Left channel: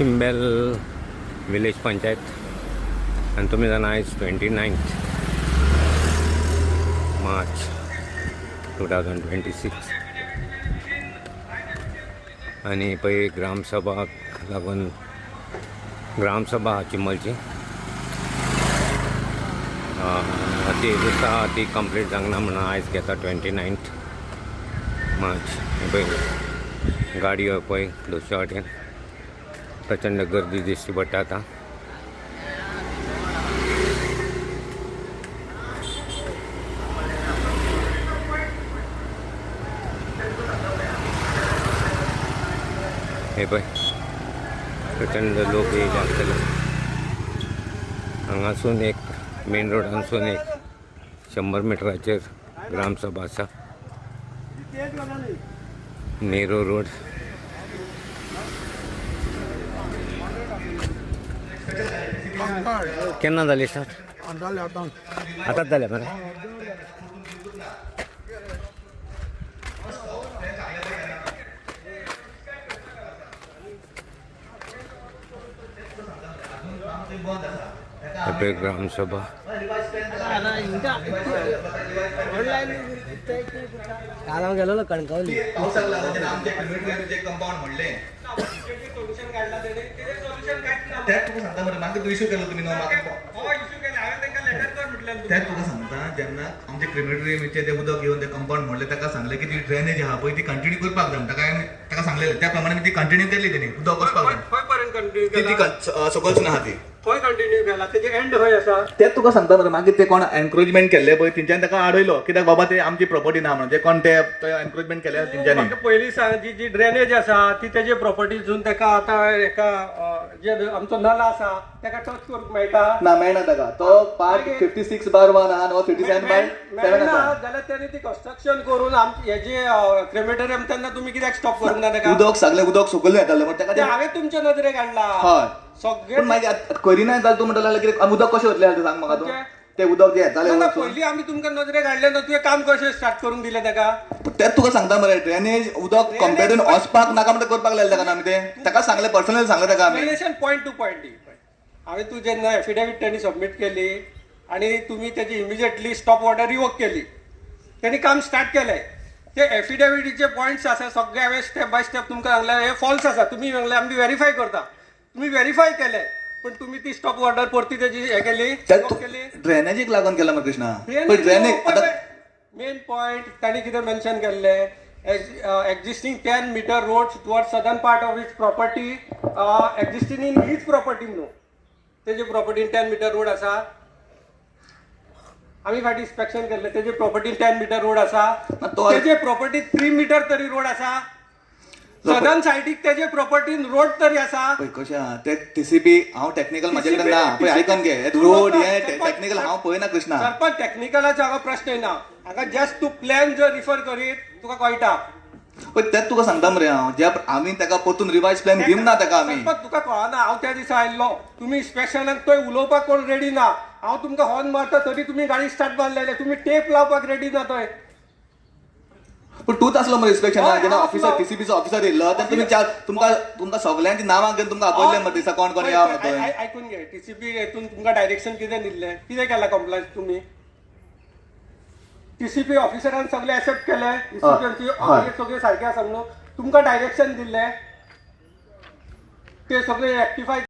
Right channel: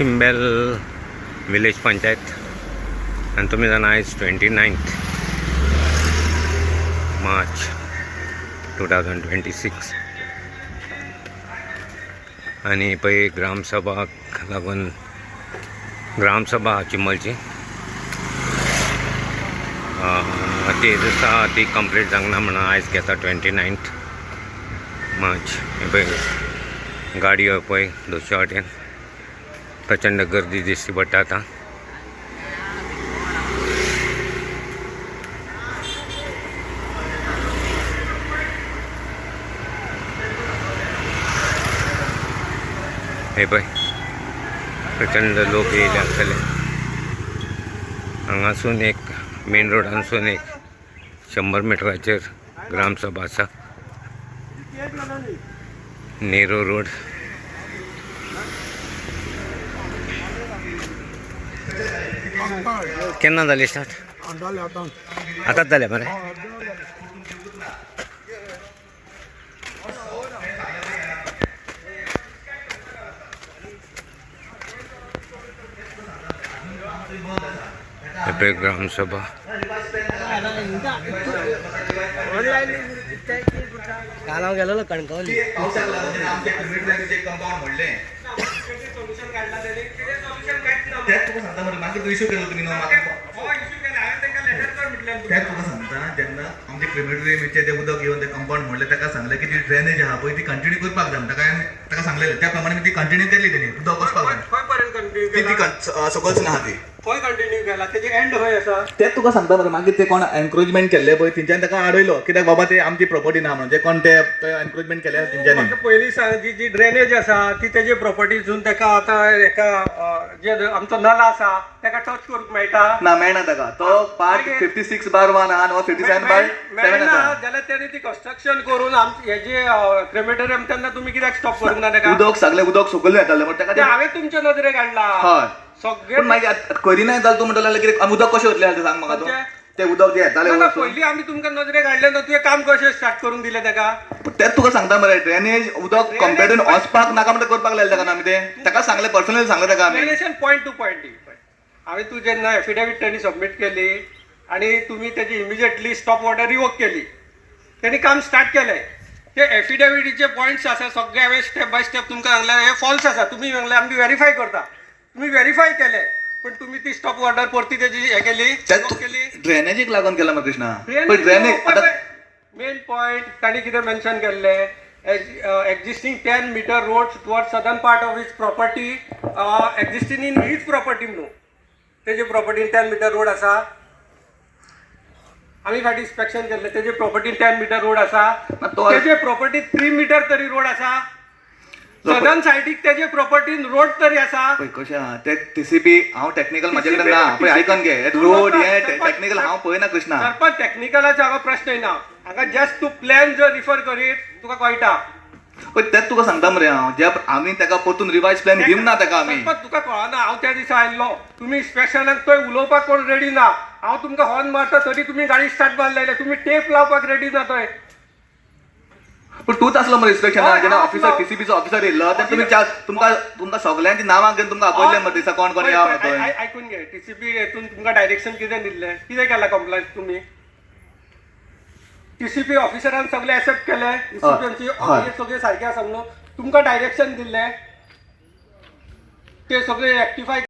चिंबेल village panchayat आणि तुम्ही जाणं आयज 29th मार्च 2026 आणि पळय ग्रामसभाक लागून ग्रामसभा चिंबलची ती दिसा ती कंप्लीट जावंक ना म्हणून आयज घेता 29th मार्च. हे पळय गाडयो पळय दोनशे वाटेन प्रचंड गर्दी दिसती पडटा आता. हे पळय प्रचंड लोक येयले आसतले. हांगासून एक मेन रोडानसून एक 100 मिटराचेर ग्रामसभा आसा. नेहरू रोड. केन्ना जाली स्टार्ट? आतांच जालें मरे. ग्रामसभा कालाव गेलो कणकवली त्यात तुका सांगता मरे मागीर इश्यू केलो तुमी न्हू त्यात तुका सांगता जेन्ना आमचे क्रिमेटोरियमचे ते उदक येवन ते कंपाउंड म्हणलें ताका सांगलें की ती ड्रेनेज आहा पळय ती कंटिन्यू करपाक जाय. ताका सांगलेलें त्या प्रमाणे ती कंटिन्यू केली तेणी उदक वचपाक जाय. खंय पर्यंत कंटिन्यू ती सकलसून आहा ती खंय कंटिन्यू केला तेजे एंड खंय आसा. तेच तुका सांगता मरे मागीर ते कोण एनक्रोचमेंट केल्ले पळय तेंच्यानी ताका आडयलो कित्याक बाबा ते आमची प्रॉपर्टी ना म्हणून जे कोण ते एनक्रोचमेंट केले तेंच्यानी. म्हाका पयलीं सांग जी ड्रेनेज आसा ती तेजे प्रॉपर्टीसून ताका आतां एका जे आमचो नल आसा ताका टच करूंक मेळटा ना मेळना ताका तो पार्ट 56/1 आहा नो 57/7 मेळना आसा. जाल्यार तेणी ती कन्स्ट्रक्शन करून हेजे क्रेमेटोरियम तेन्ना तुमी कित्याक स्टॉप करूंक ना ताका. उदक सगळे उदक सकयल येतालें बट ते ताका हांवें तुमच्या नदरेक हाडला. हय सगळे पण मागीर करिना जाल्यार तूं म्हणटलें कितें उदक कशें वतलें जाल्यार सांग म्हाका तूं. ते उदक जे येतालें वचून पयलीं आमी तुमकां नजरेक हाडलें न्हू तुवें काम कशें स्टार्ट करून दिलें ताका. तेच तुका सांगता मरे ड्रेनेज उदक कंप्लेटून वचपाक नाका म्हणटा करपाक लायलें ताका आमी ते ताका सांगलें पर्सनली सांगलें ताका आमी. रिलेशन पॉयंट टू पॉयंट हांवें तू जेन्ना एफिडेविट त्यांनी सबमीट केली आणि तुम्ही त्याची इमिजिएटली स्टॉप ऑर्डर रिवोक केली त्यांनी काम स्टार्ट केलें. ते एफिडेविटीचे पॉयंट्स आसा सगळे हांवें स्टेप बाय स्टेप तुमकां सांगलें हे फॉल्स आसा. तुमी सांगलें आमी व्हेरीफाय करता. तुम्ही व्हेरीफाय केले पण तुम्ही ती स्टॉप ऑर्डर परती त्याची हे केली ड्रेनेजीक लागून केला मग कृष्णा. पण ड्रेनेज मेन पॉयंट तांणी कितें मेन्शन केल्ले existing 10 metre roads toward southern part of his property existing in his property न्हू तेजे प्रॉपर्टीन 10 मीटर रोड आसा. आम्ही फाटी इन्स्पेक्शन केल्ले तेजे प्रॉपर्टीन 10 मीटर रोड आसा. तेजे प्रॉपर्टी 3 मीटर तरी रोड आसा. सदर्न सायडीक तेजे प्रॉपर्टीन रोड तरी आसा. कशें आहा ते टीसीपी हांव टेक्निकल म्हाजे कडेन ना पळय आयकन घे रोड हे टेक्निकल हांव पळयना कृष्णा. सरपंच टेक्निकलाचो हांगा प्रश्न येना. हांगा जस्ट तूं प्लॅन जर रिफर करीत तुका कळटा. पण तेच तुका सांगता मरे हांव जे आमी ताका परतून रिवायज प्लॅन दिवंक ना ताका आमी. तुका कळना हांव त्या दिसा आयल्लो तुमी इन्स्पेक्शनाक थंय उलोवपाक कोण रेडी ना. हांव तुमकां हॉर्न मारता तरी तुमी गाडी स्टार्ट मारलेले तुमी टेप लावपाक रेडी ना थंय. पण तूच असलो मरे इन्स्पेक्शनाक जेन्ना ऑफिसर टीसीपीचो ऑफिसर येयल्लो तेन्ना तुमी तुमकां सगळ्यांची नांवां घेवन तुमकां आपयल्लें मरे दिसा कोण कोण या थंय. आयकून घे टीसीपी हेतून तुमकां डायरेक्शन कितें दिल्लें कितें केलां कंप्लेंट तुमी. टीसीपी ऑफिसरान सगळे एक्सेप्ट केले टीसीपीची सगळे सारखे आसा म्हणून तुमकां डायरेक्शन दिल्लें ते सगळे रेक्टिफाय